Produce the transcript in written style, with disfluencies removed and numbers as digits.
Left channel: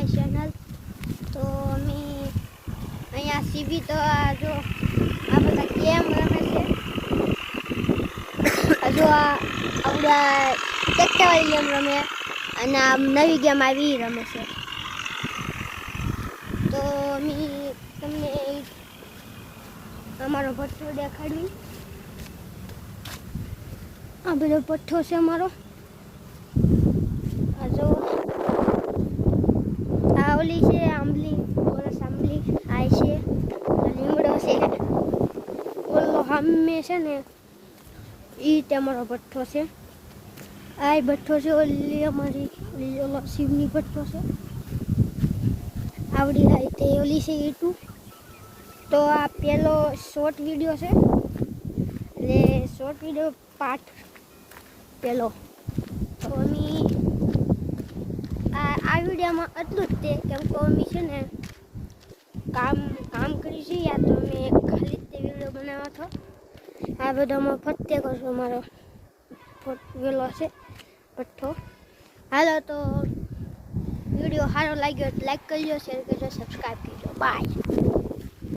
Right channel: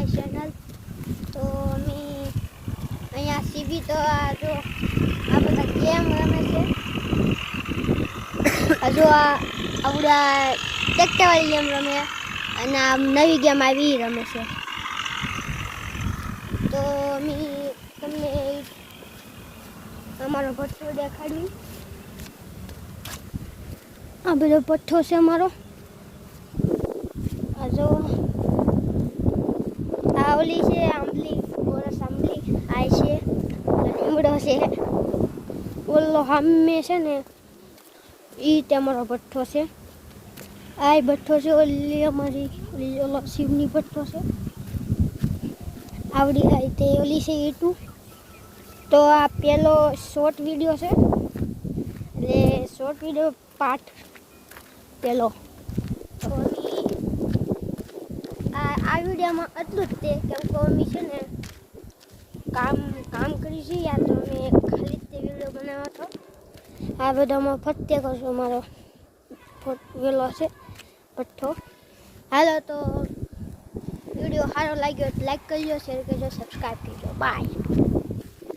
My channel. તો અમે અહીંયા સીબી તો જો આ બધા ગેમ રમે છે. હજુ આપણા ટ્રેક્ટરવાળી ગેમ રમે અને આ નવી ગેમ આવી રમે છે. તો અમે તમને અમારો ભઠ્ઠો દેખાડવી. આ બધો ભઠ્ઠો છે અમારો. આ જો આ ઓલી છે આંબલી, બોરસ આંબલી આ છે લીમડો છે. ઓલો સામે છે ને એ તમારો ભઠ્ઠો છે. આ ભઠ્ઠો છે ઓલી અમારી ઓલો શિવની ભઠ્ઠો છે. આવડી આ તે ઓલી છે ઈટું. તો આ પેલો શોર્ટ વિડીયો છે એટલે શોર્ટ વિડીયો પાર્ટ પેલો. તો અમે આ વિડીયોમાં એટલું જ તે કેમ કે અમે છે ને કામ કરી છે યા તો અમે ખાલી તે વિડીયો બનાવ્યો હતો. આ બધામાં ફતે કરશો મારો વેલો છે ભઠ્ઠો. હાલો તો વિડીયો સારો લાગ્યો લાઈક કરજો, શેર કરજો, સબસ્ક્રાઈબ કરજો. બાય.